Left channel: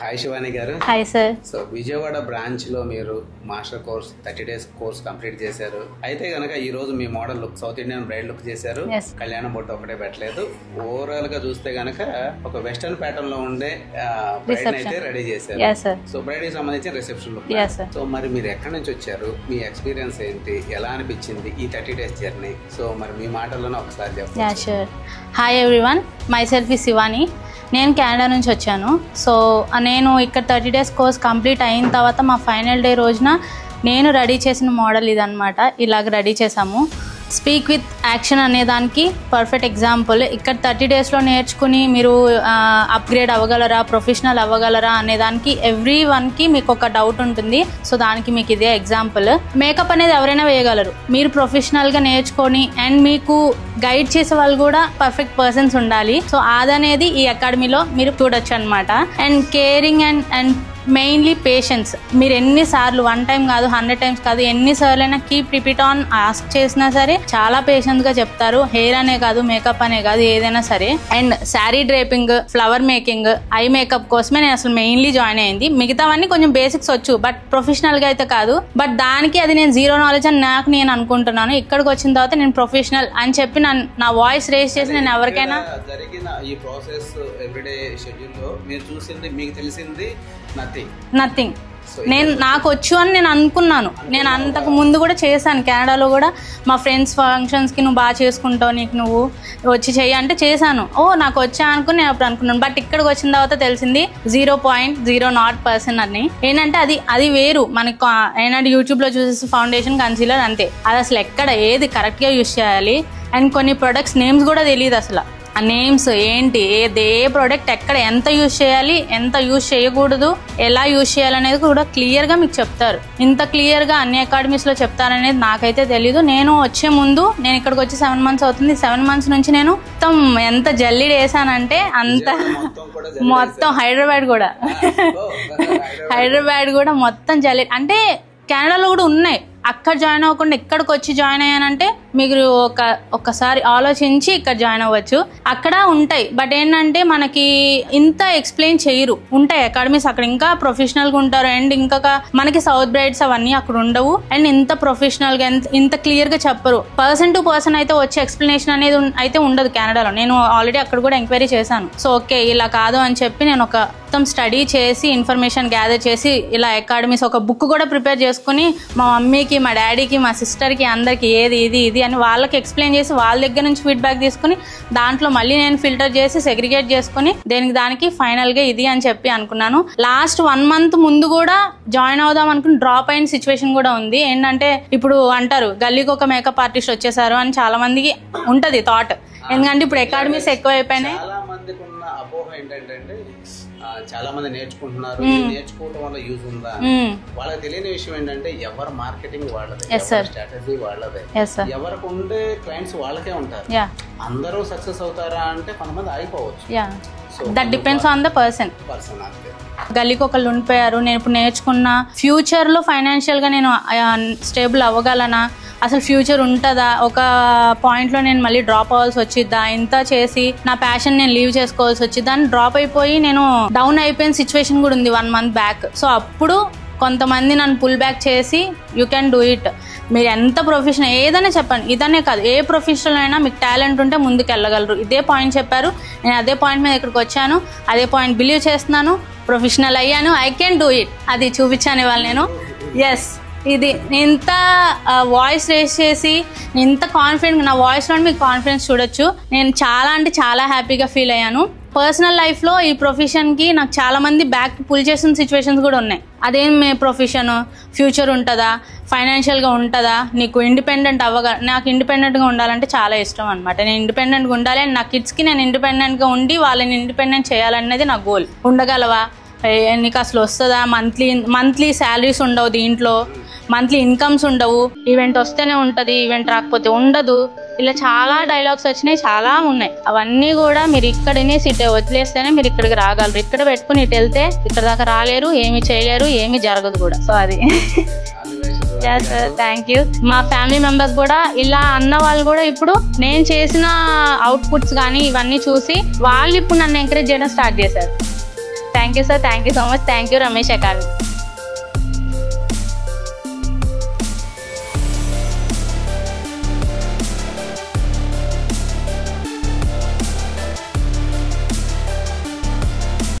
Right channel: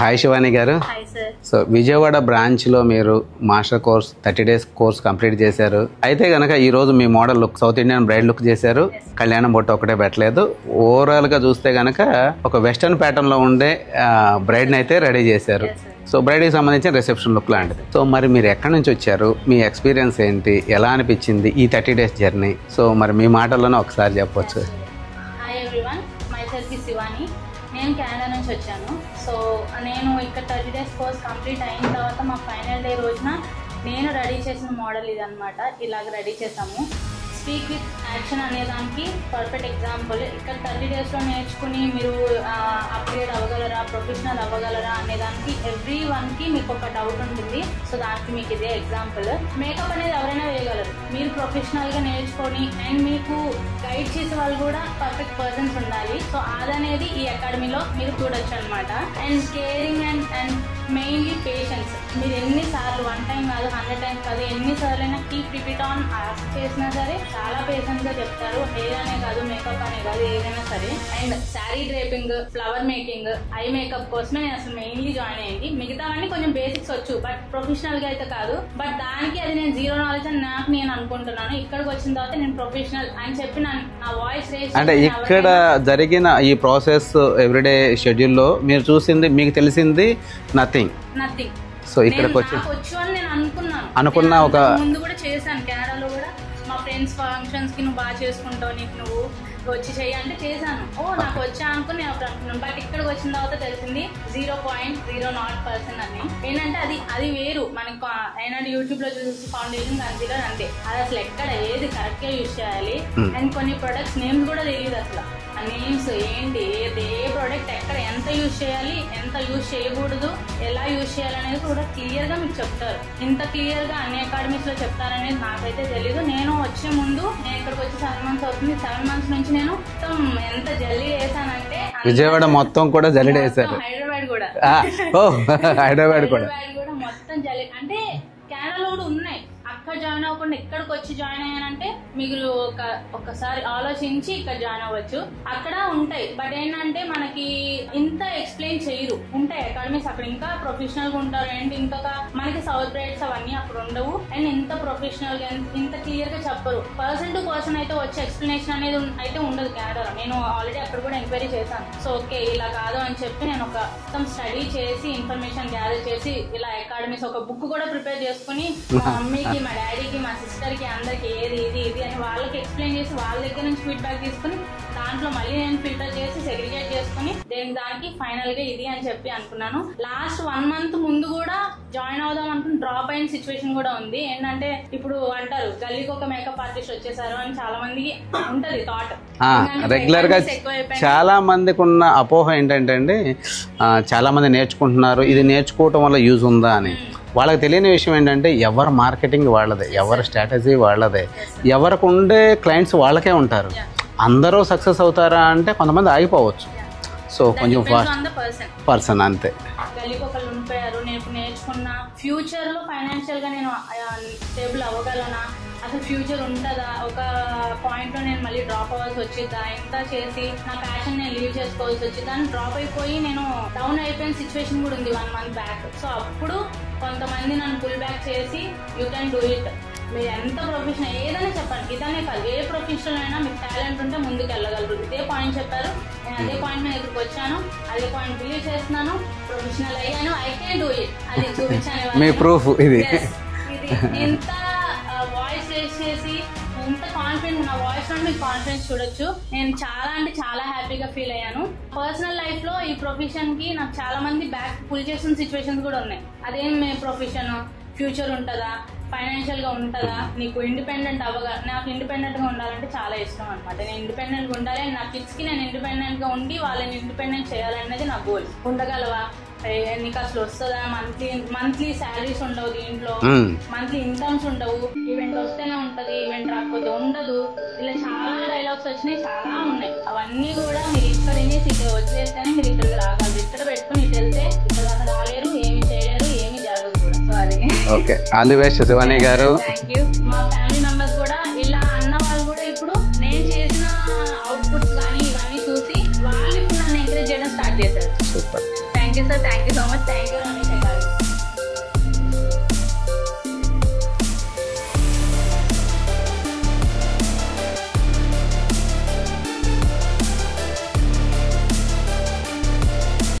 Hi Shivani గారు. Hi sir. So Vijayawada branch లో మీరు master course 30 days course complete చేశారు. అయితే గనక ఈ రోజు మీ model look south Indian bride look చేశారు. కళ్యాణం బొట్టు ఒకటే పెట్టలేదు. ఓవరాల్ గా చూస్తే గనక ఒక వెస్టర్న్ ప్యాటర్న్ లో ఉండే బ్రైడ్ ని అయితే రెడీ చేశారు. సో బ్రైడ్ కి సంబంధించిన రిసెప్షన్ లుక్ లాంటి. సో మరి మీరు ఎక్కడి నుంచి వచ్చారు, మీ ఎక్స్పీరియన్స్ ఏంటి, ఎలా అనిపించింది ఈ 30 days జర్నీ? సో మరి మీ మాటల్లోనే ఒకసారి చెప్పొచ్చు. Hi everyone, my self is Shivani. నేను కెనడా నుంచి వచ్చాను. సో నేను ఇక్కడ 30 days కోర్స్ కంప్లీట్ అయిన తర్వాత మా ఫైనల్ డే రోజున నేను రెడీ చేసిన మోడల్ ఇదనమాట. ఇలాగ రెడీ చేసాము. స్పీక్ విత్ యాక్షన్ అనే దానికి పర్ఫెక్ట్ ఎగ్జాంపుల్. ఇక్కడ 30 daysలో నేర్చుకుని మీరు అప్గ్రేడ్ అవ్వగలరా, ప్రొఫెషనల్ అవ్వగలరా అనే దానికి ఎవ్రీ వన్కి మీకు ఒక డౌట్ ఉంటుంది. సో దానికి మీకు ఇదే ఎగ్జాంపుల్. మేకప్ అనేది ఎవరైనా వేయగలరు, మీరు ప్రొఫెషనల్గా నేర్చుకొని అండ్ మీకు గైడ్ చేసే వాళ్ళు కూడా పర్ఫెక్ట్ పర్సన్స్ ఉండాలి. సో అదనేది ఈ అకాడమీలో మీరు చూడొచ్చు అనమాట. And caring and mainly patience. మీరు ఎన్నిసార్లు 1 time కాదు 100 times కాదు ఎన్నిసార్లు అయినా కీప్ రిపీట్ ఆన్ ఆస్క్ చేసినా సరే చాలా పేషెంట్గా చెప్తారు. హెయిర్ అనే కాదు, మేకప్ అనే కాదు, ఏదైనా సరే. And sari draping, flower making, eye makeup కోసమే నేను అసలు మెయిన్లీ జాయిన్ అయ్యింది. మిగతావన్నీ కొంచెం బేసిక్స్ వచ్చు, బట్ ప్రొఫెషనల్గా అయితే కాదు. బట్ దానికి అది నేను జీరో నాలెడ్జ్ అని నేను అనుకుంటున్నాను. ఇక్కడికి వచ్చిన తర్వాత నేను ప్రొఫెషనల్ అని చెప్పి నా వాయిస్ రేస్ చేసి నేను ఎవరికైనా జరిగిన ఈ ప్రాసెస్ ఎవ్రీడే షెడ్యూల్లో మీరు చూసింది, మీకు తెలిసింది నథింగ్. నేను నాకు వచ్చు అని నేను అనుకున్నాను. నేను అంతకు ముందు కూడా చేశాను. కెనడాలో కూడా మా ఫ్రెండ్స్ ఫంక్షన్స్ కి నువ్వు బాగా చేసుకుంటావు, నీకు నువ్వు వచ్చి చెయ్యి అంటే చేశాను. నాకు వచ్చా అనుకుని నేను అప్పుడు అనుకున్నాను. బట్ ఇక్కడికి వచ్చిన తర్వాత తెలిసింది 0.00% అని. ఏంటంటే అది వేరు. మనకి ఏంటంటే యూట్యూబ్ లో చూసేసి ఫౌండేషన్, కన్సీలర్ అంతే. అది అసలు ఎక్కడ ఏది కరెక్ట్ గా యూజ్ చేయాలి అండ్ కొన్ని ప్రొడక్ట్స్ నేమ్స్ కూడా తెలియదు అసలు. ఆ నేమ్స్ ఏంటి, ఏ ప్రోడక్ట్ ఎక్కడ ఎంత యూజ్ చేయాలి, ఎంత యూజ్ చేయకూడదు, ఎలా యూజ్ చేయాలనేది కూడా క్లియర్గా మీకు చెప్తారు. ఇంత క్లియర్గా అన్ని అకాడమీస్లో చెప్తారనేది నాకైతే తెలీదు. నేను వచ్చే ముందు, నేను ఇక్కడికి వచ్చి 7 months అవుతుంది. 7 months నుంచి నేను మొత్తం ఎంత జల్లీడ్ వేసానంటే మొత్తం హైదరాబాద్ కూడా మొత్తం జల్లీడ్. అంటే కెనడాలో కూడా ఉన్నాయి. అక్కడ జాయిన్ అవ్వకుండా ఇక్కడికి వచ్చి జాయిన్ అయ్యానంటే మీరు ఒక్కసారి ఆలోచించి ఇక్కడ జాయిన్ అవ్వచ్చు. అక్కడ ఉంటాయి, బట్ ఏంటంటే మనకి ఇంత ఎక్స్ప్లెయిన్ చేయరు. ఉంటాయి అకాడమీస్ అక్కడ ఇంకా ప్రొఫెషనల్గా ఉంటారు. అండ్ ఇంకా మనకి సౌత్ బ్రైడ్స్ అవన్నీ అక్కడ ఉండవు. అండ్ ఇంత ప్రొఫెషనల్గా ఇంత క్లియర్గా చెప్పరు. పర్సన్ టు పర్సన్ అయితే వచ్చే ఎక్స్ప్లెనేషన్ అనేది అయితే ఉండదు కెనడాలో. నేను ఆల్రెడీ అక్కడ కూడా ఎంక్వైరీ చేశాను. సో ఓకే ఇలా కాదు అని చెప్పి నేను ఒక మొత్తం స్టడీ చేసి ఇన్ఫర్మేషన్ గ్యాదర్ చేసి ఇలా అకాడమీస్ ఒక బుక్ కూడా ప్రిపేర్ చేసుకుని మా మమ్మీకి, మా డాడీకి, మా సిస్టర్కి అందరికి ఏది ఇది అని వాళ్ళకి ఎక్స్ప్లెయిన్ చేసి వాళ్ళ దగ్గర నుంచి ఫీడ్బ్యాక్ తీసుకుని దాంట్లో మళ్ళీ నేను ఫిల్టర్ చేసి సెగ్రిగేట్ చేసుకుని దానికి ఫైనల్గా ఇది అని చెప్పి అనుకున్నాను. లాస్ట్ 1 month ముందు కూడా జాయిన్ అవుదాం అనుకుని డ్రాప్ అయిన సిచ్యువేషన్ కూడా ఉంది. ఏంటంటే ఇప్పుడు అంటారు గల్లీకి ఒక మేకప్ ఆర్టిస్ట్ వచ్చేసారు అని చాలా మందికి ఉంటది థాట్. ఎందుకంటే ఇప్పుడు అకాడమీస్ ఎక్కువ అయిపోయింది. చాలా మందికి ఉన్న అపోహ ఏంటంటే అండి, చాలా మంది నేర్చుకుంటున్నారు, ఇది నేర్చుకోవటం వల్ల యూజ్ ఉందా అని. వాళ్ళకి తెలియని విషయం ఏంటంటే ఎవరి మార్కెటింగ్ వాళ్ళదే, ఎవరి స్ట్రాటజీ వాళ్ళదే, ఎవరికి ఉండే క్లయింట్స్ వాళ్ళకే ఉంటారు. అందరూ సక్సెస్ అవుతారా అంటే కొంతమంది ఆగిపోవచ్చు. సో పర్సన్ అంతే. గల్లీకి ఒకళ్ళు ఉండిపోయారు, నేను ఇప్పుడు నేర్చుకున్న ఫ్యూచర్ లో ఫైనాన్షియల్ గా నేను స్టేబుల్ అవ్వగలనా, అసలు ఫ్యూచర్ ఉంటుందా, ఒక పాయింట్లో నేను మళ్ళీ డ్రాప్ అవ్వాల్సి వచ్చిద్దా, ఇంత చేసి నా ప్యాషన్ నేను లీవ్ చేసుకోవాల్సి వచ్చిద్దా అని డ్రాప్ అయిపోయి నేను డౌన్ అయిపోయిన సిచ్యువేషన్ కూడా ఉంది 1 month బ్యాక్. సో అప్పుడు కొంతమంది నన్ను పుల్ బ్యాక్ చేసి యూ క్యాన్ డూ ఇట్, మీరు ఎంత ప్రొఫెషనల్ ఏదైనా చెప్పండి, ఇదనే కాదు ఏ ప్రొఫెషనల్ అయినా మీకు టాలెంట్ ఉంటే ముందుకు వెళ్ళగలరు. ఇదే పాయింట్ చెప్పారు. నేను అదే పాయింట్ మీద ఇక్కడికి వచ్చాను, అదే పాయింట్ బిలీవ్ చేస్తున్నాను, ప్రొఫెషనల్ అయ్యాను, ఐ కెన్ డూ ఇట్, అది చూపించాను ఇవాళ నేను. ఎస్, ఇది ఇంత వాయిస్ రేస్ చేసి ఇంత కాన్ఫిడెంట్, నా వాయిస్లో మీకు కాన్ఫిడెన్స్ చూడొచ్చు. నేను చాలా అంటే చాలా హ్యాపీగా ఫీల్ అయ్యాను. పర్సనల్ లైఫ్లో ఈ ప్రొఫెషన్కి నాకు చాలా మంది బ్యాక్ పుల్ చేసిన సిచ్యువేషన్స్ కూడా ఉన్నాయి. అదేం మీ ప్రొఫెషన్, ఫ్యూచర్ ఉంటుందా, ఫైనాన్షియల్గా ఉంటుందా, నీకు ఇండిపెండెంట్ నాకు ఇండిపెండెంట్గా ఉండాలంటే చాలా ఇష్టం అనమాట. నేను ఇండిపెండెంట్గా ఉండాలి అండ్ నా కిడ్స్కి నేను ఇండిపెండెంట్గా ఉండి వాళ్ళని ఇండిపెండెంట్ చేయాలనేది నా గోల్. ఉండగలవా, నీకు అసలు వస్తుందా, మంత్లీ శాలరీస్ ఉండవు, దీంట్లో మంత్లీ ఇన్కమ్స్ ఉండవు, ఈవెంట్ వస్తేనే ఉంటది, ఈవెంట్ రాకపోతే ఉండదు, ఇలా చాలా డైలాగ్స్ వచ్చినాయి, చాలా ఉన్నాయి. అవన్నీ కూడా మీరు ఇక్కడనే సిటీ వదిలేస్తేనే మీరు ఇక్కడికి రాగలరు. ఇక్కడ పెట్టుకుని ఇటు వెళ్తే ఇక్కడ దాకా రాలేరు, ఏమి చేయలేరు, ఏమి జరగదు కూడా. సో అది థ్యాంక్ యూ. మా ఫ్యామిలీ మెంబర్స్ కూడా ఇలా అన్న వాళ్ళు కూడా ఇప్పుడు నేను చేసిన అవుట్పుట్స్ కానీ ఇవన్నీ చూసి వాళ్ళు ఇప్పుడు నన్ను ఎంకరేజ్ చేయడం స్టార్ట్ చేశారు. Thank you sir, thank you so much, thank you Ramesh academy.